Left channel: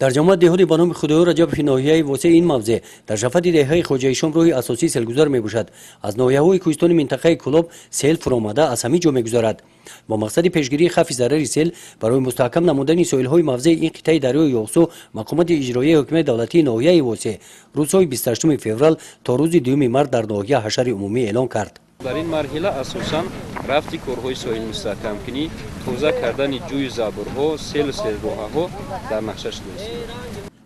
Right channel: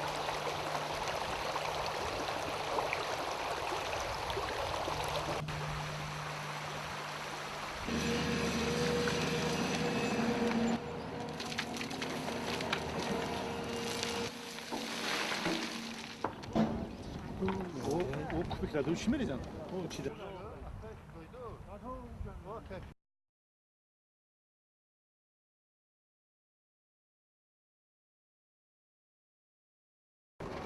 در جامعه دهاتی به نام خدای رجب ناحیه واسه این موضع در شفت دهه خواجه شام روی اساسی سیلگذار میباشد. از ناحیه‌های کوهستانی منطقه کلوب سیل فرآمده از همه جا میگذرد. با مقصد پیشگیری خفف ضرر سیل برای مستحکم نمودن ساحل‌های موضع این قطعه دریای یوسو مقامات اجرایی حکومت دولتی ناحیه واسه روزهای 28 فوریه تا روز 2 مارس در ناحیه حشر عمومی اعلان کرد. در این مرحله اساساً رفتی کارهای ساحل مستحکم کنی، توزیع کردن جوی زابرها، سیل سیلروها در نقشه شده است.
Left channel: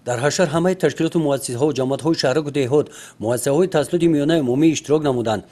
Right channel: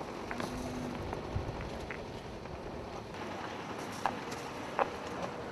در حشر همه تشکیلات و مؤسسه‌ها و جماعت‌های شهرک و دهات مؤسسه‌های تسلط میانه عمومی اشتراک نمودند.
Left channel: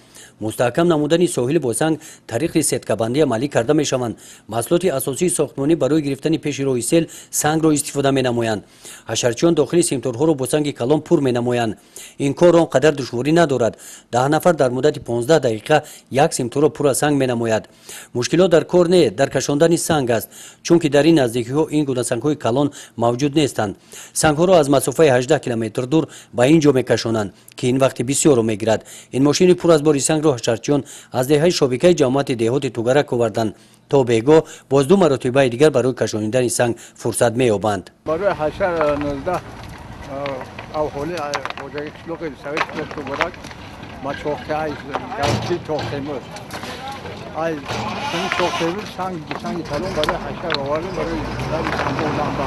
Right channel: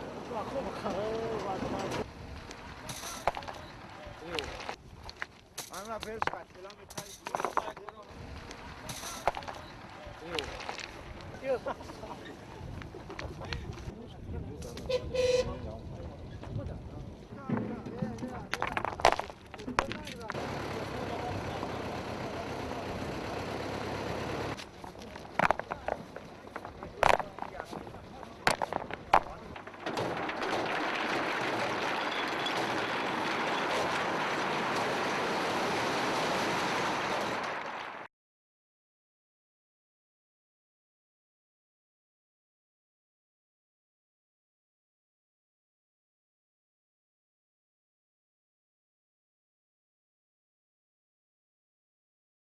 مستحکم نمودن ساحل باسنگ طریق سدکه‌بندی عملی کرده می‌شوند. محصولات اساسی ساختمانی برای گرفتن پیش روی سیل سنگ را استفاده می‌نمایند. حشرچیان داخلی سیمتورها را با سنگ کلان پر می‌نمایند. این کار آنقدر دشواری ندارد. 10 نفر در مدت 15 دقیقه یک سیمتور را پر از سنگ می‌نماید. مشکلات در کار نه در کشاندن سنگ است، چون که در این نزدیکی‌ها این گونه سنگ‌های کلان موجود نیستند. سنگ‌ها را از مسافه 18 کیلومتر دور به اینجا می‌کشانند که این وقت بسیار می‌گیرد. این ماشین پر از بار سنگ را حشرچیان از دهه شبکه جماعت دهات توبرک آوردند تا بیگاه باز 2 مرتبه دیگر برای کشانیدن سنگ فرصت می‌یابند. برای حشر 19 اهالی خواجه شلوغ سوی شلوغ توبرک ما چوخته ای گلچی چوخته مر ای این چوخته مر سنگ کلان برای حشر آوردیم برای سنگ و لامبا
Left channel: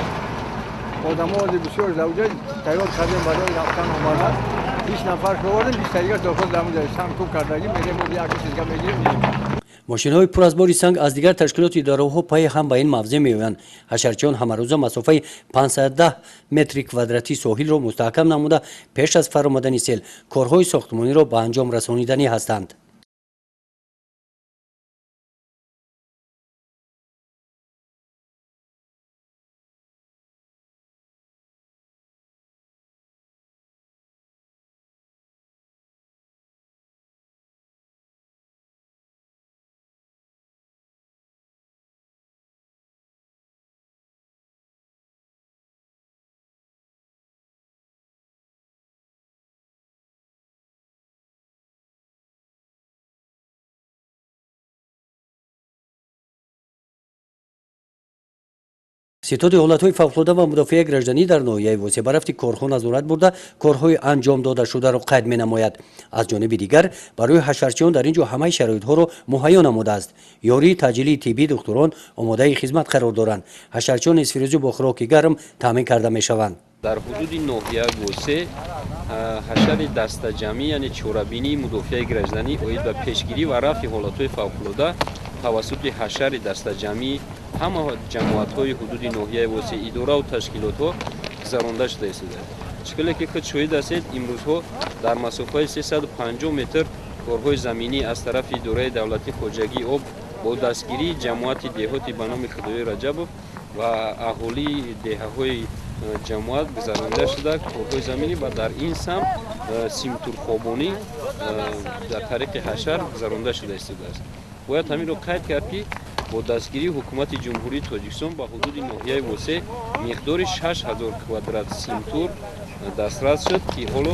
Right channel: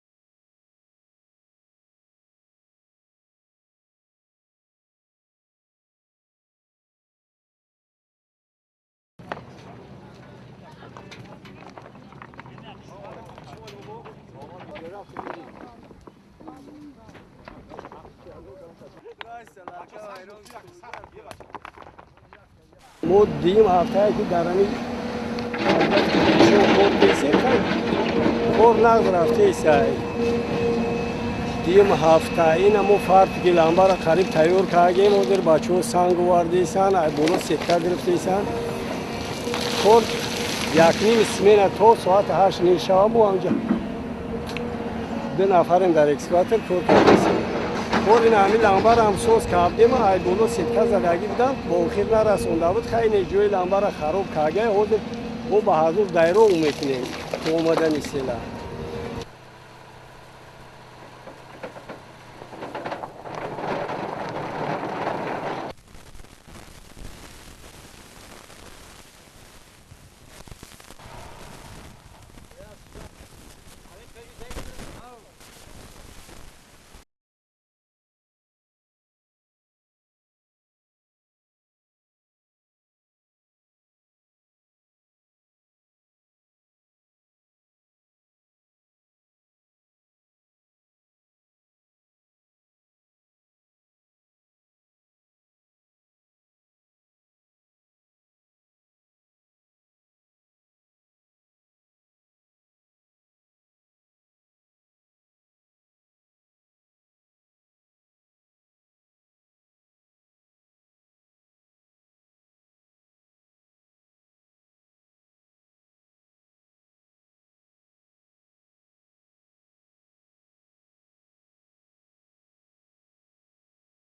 آدم‌ها بسیار زوجه تیار کردیم برای رفتن آمدن 20 نفر شوردیم 20 دیگر داخل دامون سنگ تو کردیم میریم و یک چیز دیگه میگیریم. ماشین‌های پر از بار سنگ از دیگر تشکیلات اداره‌ها پای هم به این موضع می‌آیند. حشرچیان همه روزه مسافه 510 متر کوادراتی ساحل را مستحکم نموده پیش از فرآمدن سیل کارهای ساختمانی را به انجام رسانیدنی هستند. ما دیم هفته که در همین کار نقد رفته سعی دیم هفته این مو فرد که لامبا را قریب تیار کردیم و در بچه‌ها سنگ آوردیسن بالا سکه گرفتیسن کار یک نیم سمینه تا ساعت 8 نیم شب و آنجا 2 نفریم در اکسکاتر کار کردیم کار این همین لامبا را هم سوز کردیم ای بالا سکه زدگی بودم با آخر نرسونده بود خیلی جوی لامبا را خراب کرده و به حضور دایره میکنیم تو اومدن سیله ستاد حالت‌های فوق‌العاده و مدافع گردنی در ناحیه واسه برفتی کارخانه نظارت برده کارهای انجام داده شده را قید می‌نماید. از جانب دیگر برای حشرچیان در اینجا همه شرایط‌ها را مهیا نموده است. یاری تجلی طبی دکتران آماده خدمت قرار دارند. حشرچیان اسفریزی با خوراک گرم تامین کرده می‌شوند. در حدود ناحیه گوسه حشر دسته‌جمعی یعنی چورابینی مدافع گردنی اوید به پیشگیری و رفع حالت‌های فوق‌العاده توسط حشر دسته‌جمعی همه جماعت‌های حدود ناحیه واسه اداره و تشکیلات‌ها گذرانده شده است. شکلی که خود شاهد هستید امروزها در مسافه 350 متر کارهای زمینی از طرف اداره دولتی خواجگی آب با دستگیری جماعت دهاتی به نام خدای رجب و اهالی دهه‌های جماعت گذرانده شده کارهای زمینی و در این سمت سیمتور خوابانی در طریق حشر گذرانده شده است. باید همین رو قید کرد که با دستگیری حکومت جمهوری تاجیکستان با حدود ناحیه واسه مقدار 6000 کوادرات سیمتور دسترس شد که حالا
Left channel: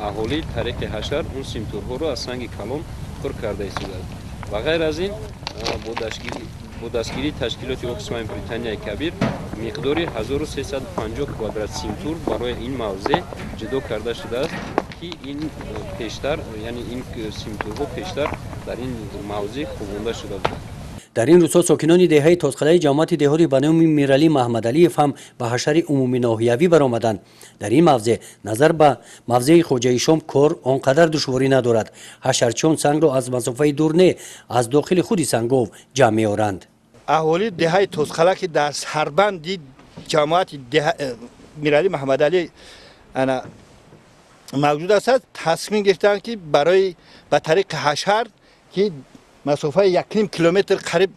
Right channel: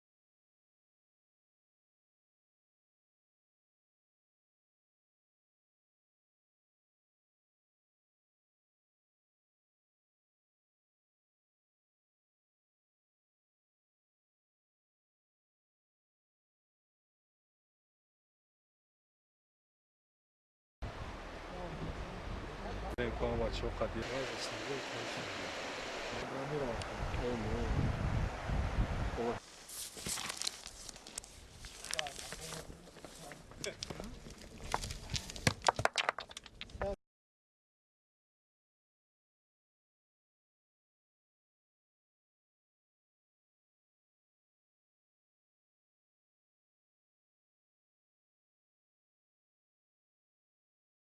اهالی طریق حشر اون سیمتورها رو از سنگ کلان پر کرده است. و غیر از این با دستگیری تشکیلات اکسفام بریتانیای کبیر مقدار 1350 کوادرات سیمتور برای این موضع جدا کرده شده است که این پیشتر یعنی این سیمتورها پیشتر در این موضع خوابانده شده بود. در این روزها ساکنان دهه تازخلای جماعت دهاتی به نام میرعلی محمدعلی هم به حشر عمومی ناحیوی برآمدند. در این موضع نظر به موضع خواجه شام کار آنقدر دشواری ندارد. حشرچیان سنگ را از مسافه دور نه از داخل خود سنگاب جمع می‌آورند. اهالی دهه تازخلا که در سربند جماعت میرعلی محمدعلی انا موجود است تصمیم گرفتند که برای به طریق حشر که مسافه 1.5 کیلومتر قریب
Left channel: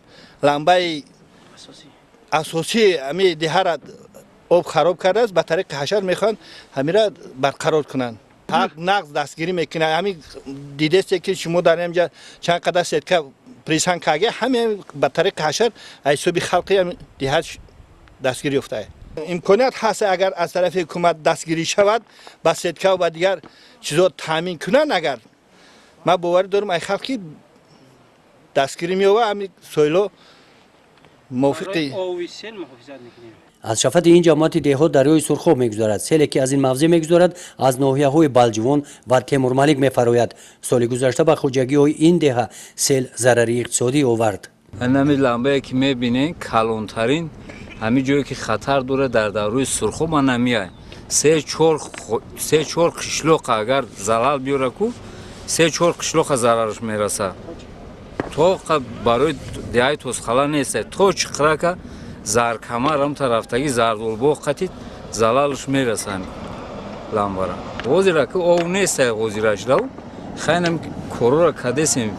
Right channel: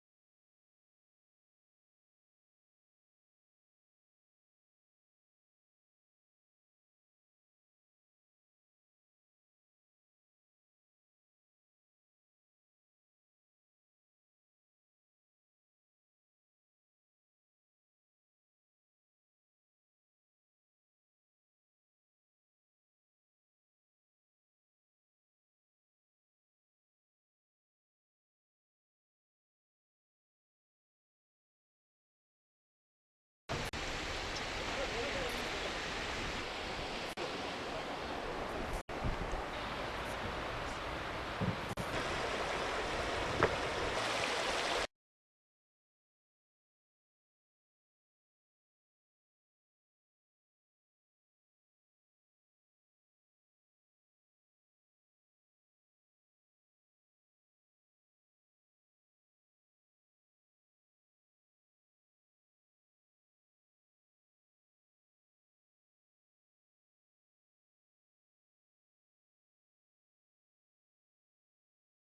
لمبه اساسی امی دهه را آب خراب کرده است به طریق حشر میخوان همین را برقرار کنند. حق نقض دستگیری میکنه همین دیده است که شما در اینجا چند قدر سدکه پریسان کاگه همین به طریق حشر ایسوبی خلقی دهه دستگیری افتاده. امکانیت هست اگر از طرف حکومت دستگیری شود با سدکه و دیگر چیزا تامین کنند اگر ما باور دارم ای خلقی دستگیری میوه همین سویلو موافقی آوی سیل محافظت میکنیم. از شفت این جماعت دهات دریای سرخاب میگذارد. سیلی که از این موضع میگذارد از ناحیه های بلجوان و تیمور ملیک میفراید. سال گذشته به خواجگی های این دهه سیل ضرری اقتصادی آورد. نمی لامبه که میبینین کلانترین همین جایی که خطر داره در دریای سرخاب ما نمیای. سه چهار قشلوق اگر زلال بیاره کو سه چهار قشلوق ضررش میرسه. تو برای دیای توسخلا نیست. تو چقدر که زار کمر هم طرفتگی زردالبو قطعی زلالش میرسن لامبارا. وزیرا که او نیست وزیرش داو خیلی کرور کدیسیم.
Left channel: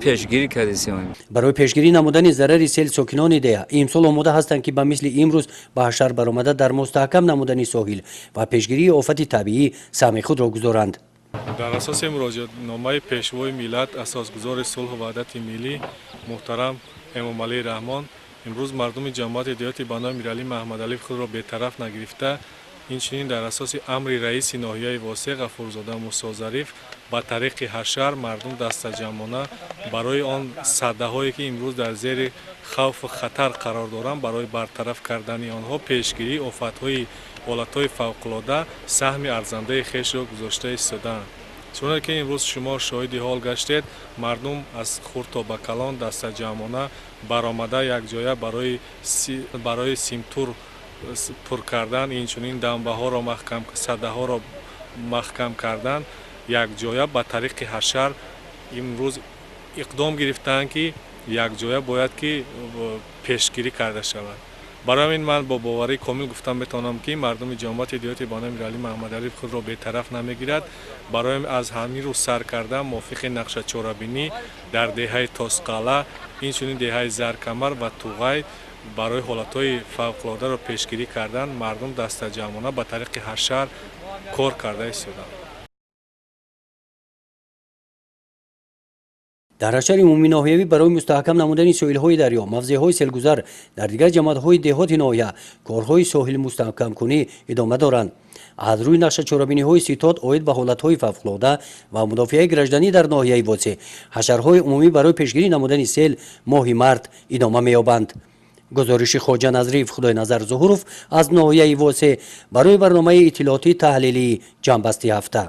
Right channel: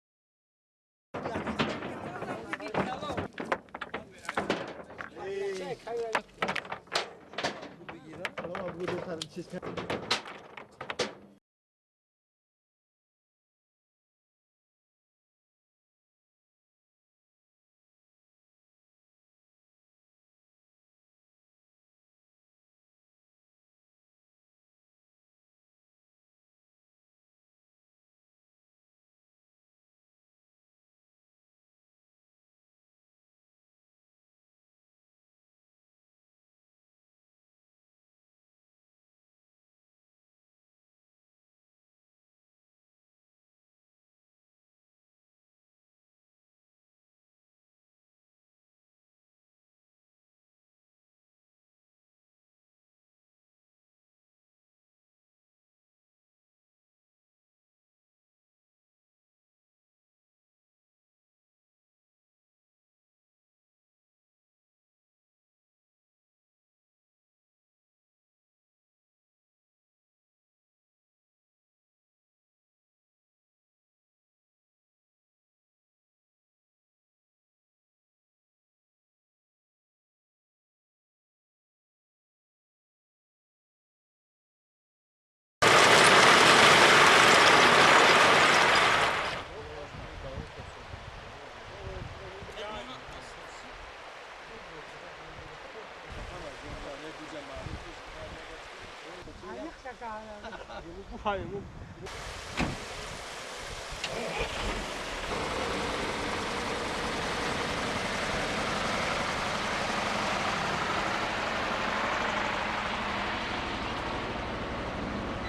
پیشگیری کردیم. برای پیشگیری نمودن ضرر سیل ساکنان ده امسال آماده هستند که به مثل امروز به حشر برآمده در مستحکم نمودن ساحل و پیشگیری آفت طبیعی سهم خود را گذارند. در اساس مراجعه نامه پیشوای ملت اساسگزار صلح و وحدت ملی محترم امام علی رحمان امروز مردم جماعت دیات بنا امیرعلی محمد علی خود را بی‌طرف نگرفته اینچنین در اساس امر رئیس ناحیه واسع غفورزاده موسی ظریف با طریق حشر مردم دستجمعانه برای آن صده‌هایی که امروز در زیر خوف و خطر قرار دارند برای برطرف کردن آنها پیشگیری آفت‌های حالت‌های فوق‌العاده سهم ارزنده خویش را گذاشته ایستادند. چون که امروز شما شاهد حال گشتید مردم از خرد تا به کلان دستجمعانه برآمده یک جایه برای سیمتور پر کردن اینچنین دنبه ها را محکم صده ها را محکم کردن یک جایه به طریق حشر امروز اقدام گرفتند که یک جایه باید که پیشگیری کرده شود. برای این من با باوری کامل گفتم میتونم که مردم جماعت دیات بنا امیرعلی محمد علی خود را بی‌طرف نمیگیرد. برای از همین رو سر کردن موافق نقشه چهاربینی در دهه تاسقاله اینچنین دهه زرکمر و توغای برای حالت‌های فوق‌العاده را پیشگیری کردن مردم دستجمعانه به طریق حشر کار کرده ایستادند. در حشر عمومی ناحیوی برای مستحکم نمودن ساحل‌های دریا، موضع‌های سیلگذر در دیگر جماعت‌های دهات ناحیه کارهای ساحل مستحکم کنی ادامه دارند. از روی نقشه چهاربینی‌های ستاد عاید به حالت‌های فوق‌العاده و مدافع گردنی در ناحیه واسع حشرهای عمومی برای پیشگیری نمودن سیل ماه مارد ادامه می‌یابند. گزارش خواجه نظریف خدای نظر ظهوروف از ناحیه واسع برای برنامه اطلاعاتی تحلیلی جنبسته هفته.